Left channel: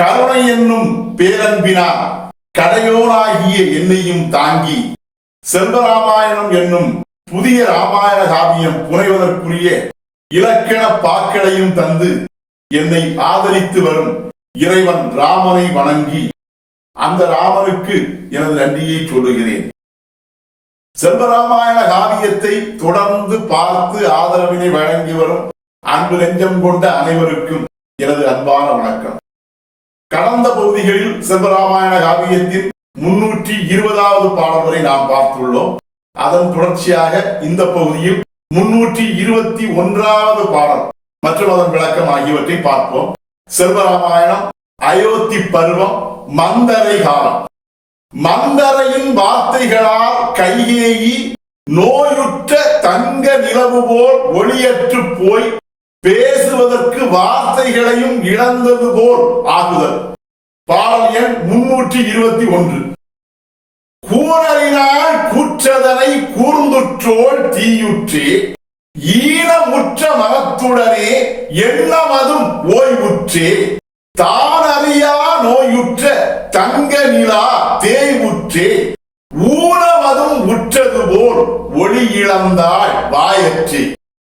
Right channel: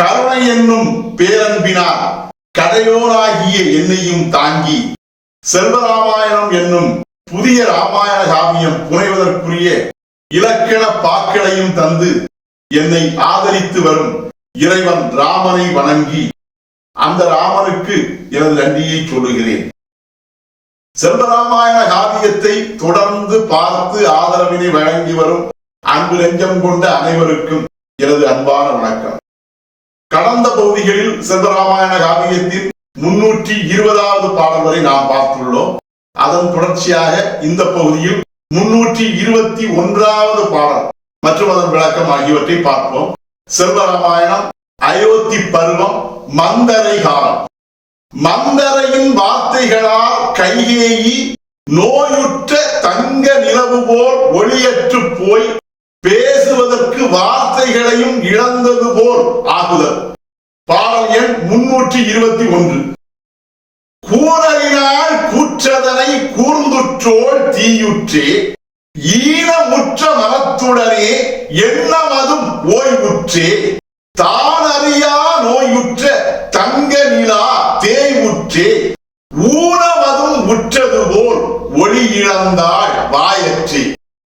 கருணை என்னும் பேரன்பினார் கடையோராகிய என்னையும் தாங்கி செல்வராமாயணம் என்னும் புதிய ராமாயண காவியம் புனைவதற்குரிய இலக்கண பாக்களையும் தந்து என்னை ஆதரித்து வரும் இறைவன் ராமனை வணங்கி அந்த ராமனுக்கு எனது நன்றியை சொல்லுகிறேன். செல்வராமாயண காவியத்தை தொடர்ந்து பார்த்து ஆதரவினை வழங்கி வரும் அன்பு நெஞ்சம் கொண்ட அனைவருக்கும் எனது அன்பான வணக்கம். கடந்த பகுதிகளில் செல்வராமாயண காவியத்தின் முன்னூற்றி இருபதாவது பாடல் வரை நாம் பார்த்துள்ளோம். அதன் தொடர்ச்சியாக இந்த பகுதியில் முன்னூற்றி இருபத்தி ஒன்றாவது பாடல் மற்றும் அதன் விளக்கம் ஆகியவற்றை பார்ப்போம். செல்வராமாயணம் அயோத்தி பருவம் மந்தரை காலம். மந்தரையின் வார்த்தைகளால் கைகேயி நோயுற்ற தங்க நிலவு போல் ஒளியற்று போய் பேசுவதற்கு ஆசைகளையும் இழந்தது போல் ஆகுதல். பாடல் எண் முன்னூற்றி இருபத்தி ஒன்று. கூறலினால் கூற்றதனை கூர்ந்துற்றோள் தீயுற்றே ஈனமுற்ற மனத்துடனே எண்ணமதும் ஓய்வுற்றே தான் அறியா நோயுற்ற தங்க நிலா தேய்வுற்றே ஊனமதும் உற்றது போல் ஒளி இழந்தாள் வாயற்றே.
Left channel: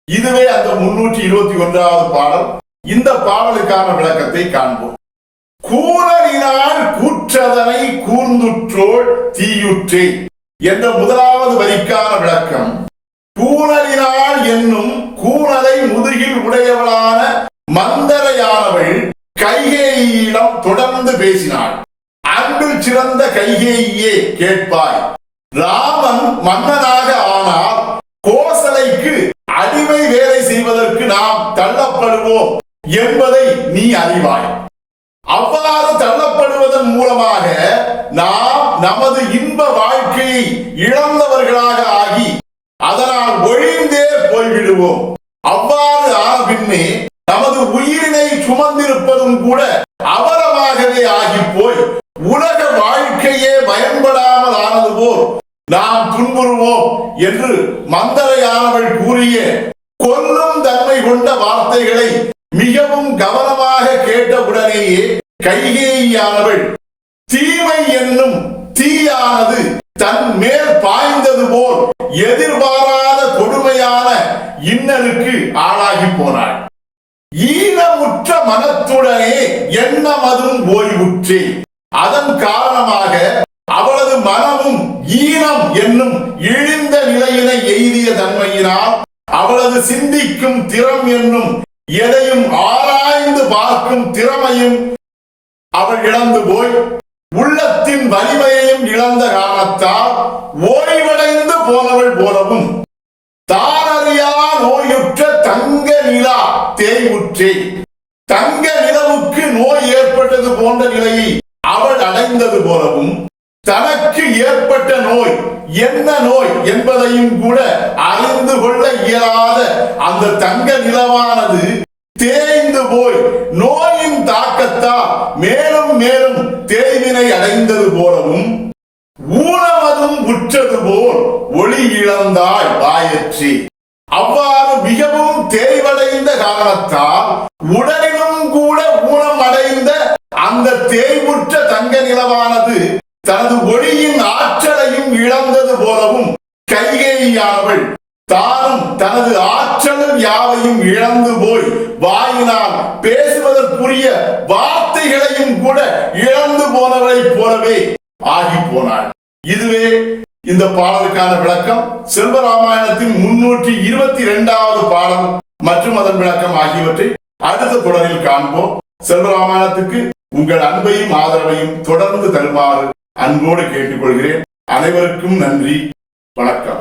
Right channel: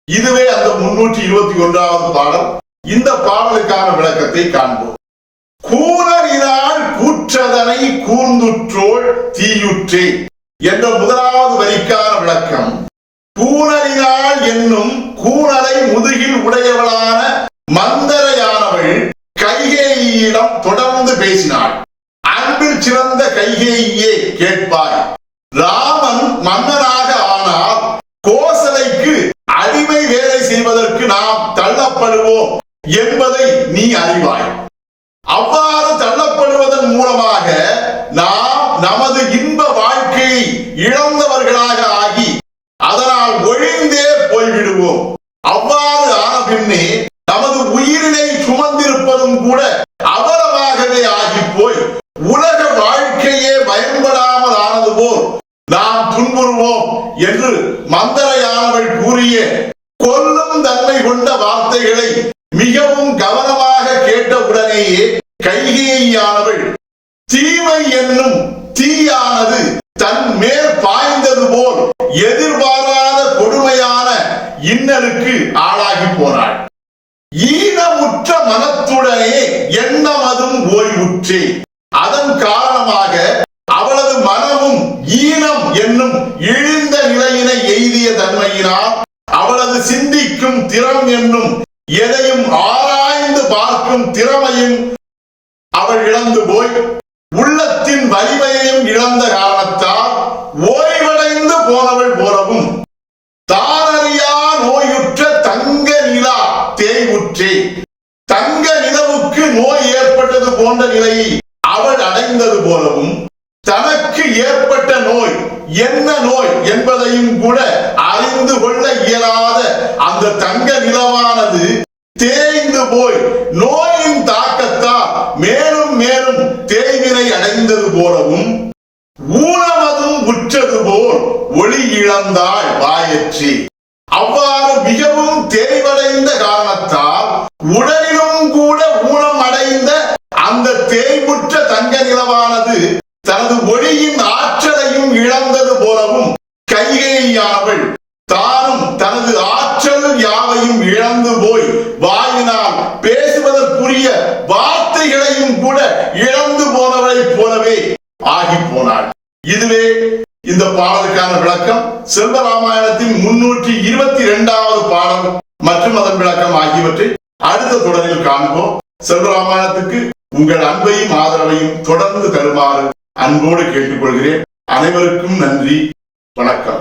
இதுவே அந்த முன்னூற்றி இருபத்தி ஒன்றாவது பாடல். இந்த பாடலுக்கான விளக்கத்தை காண்போம். கூறலினால் கூற்றதனை கூர்ந்துற்றோள் தீயுற்றே என்ற முதலாவது வரிக்கான விளக்கம். கூணலினால் என்னும் கூணலை முதுகில் உடையவளான மந்தரையானவள் கைகேயிடம் தொடர்ந்து பேசினாள். அன்பு சிறந்த கைகேயே கேட்பாய். ராமன் மன்னனாக ஆனால் கோசலைக்கு அடிமை வேலை செய்வதற்கு நாம் தள்ளப்படுவோம். என்பதை நீ அறிவாய். அவ்வாறு தள்ளப்படுவதன் மூலமாக நாம் நமது இன்ப வாழ்க்கையை இழந்தவர்களாக ஆகி அதனால் ஒழிந்தே போய்விடுவோம். அவ்வாறு ஆன பின்னே நமது உயிரினை சுமந்திருப்பதும் கூட அவரமாகவே ஆகி போய் உலக வாழ்க்கையே பயன்படாமல் ஆனது போல் நாம் துன்புறுவோம் என்று மந்தரையானவள் கூறிய கொல்லும் தன்மை கொண்ட வார்த்தைகளை மிகவும் கவனமாக கேட்டவுடனேயே கைகேயானவள் தீமை என்னும் தீயானது தன் மேல் பாய்ந்தது போல் எதிர்பாராத கொடுமையான இன்னலுக்கு ஆளாகி போனாள். ஈனமுற்ற மனத்துடனே எண்ணமதும் ஓய்வுற்றே. அதன் காரணமாக அவளது மனமும் ஈனம் என்னும் இழிந்த நிலையினை எய்திய தன்மையினால் அவளது சிந்திக்கும் திறம் என்னும் எதையும் ஆராய்ந்து பார்க்கும் திறமையும் அவள் இழந்து போய் உள்ளத்தின் வலிமையையும் இழந்த காரணத்தால் ஓய்வடைந்து போனவள் போலவும் தானறியா நோயுற்ற தங்க நிலா தேய்வுற்றே. தங்க நிலவுக்கு நோய் ஏற்பட்டது போன்ற நிலையை அவள் அடைந்தது போலவும் தனக்கு ஏற்பட்ட நோய் என்ன நோய் என்பதையும் கூட அறிந்து கொள்ள இயலாத அந்த தங்க நிலவானது தேய்ந்து போய் நோயின் தாக்கத்தால் மேலும் மேலும் தேய்வினை அடைந்தது போலவும் ஊனமதும் உற்றது போல் ஒளி இழந்தாய் வாயற்றி. அவ்வாறு மிகவும் தேய்வடைந்த காரணத்தால் உடலிலும் கூட ஊனம் அடைந்த அந்த தேய்வுற்ற தங்க நிலவானது தனது ஒளியின் ஆற்றலையும் இழந்தது போலவும் கைகேயானவள். தானும் தனது ஆற்றல் யாவையும் இழந்து போய் வாயினால் பேசுவதற்குரிய வார்த்தைகளையும் கூட இழந்து போனவளைப் போலவே ஆகி போனாள். இதுவே இந்த பாடலுக்கான விளக்கம். செல்வராமாயணத்தின் முன்னூற்றி இருபத்தி இரண்டாவது பாடல் மற்றும் அதன் விளக்கம் ஆகியவற்றை அடுத்த தொடரில் காண்போம். செல்வராமாயணத்துக்கு உங்கள் அன்பையும் ஆதரவையும் தொடர்ந்து தருமாறு அன்போடு கேட்டுக்கொள்கிறேன். அனைவருக்கும் நன்றி. வணக்கம்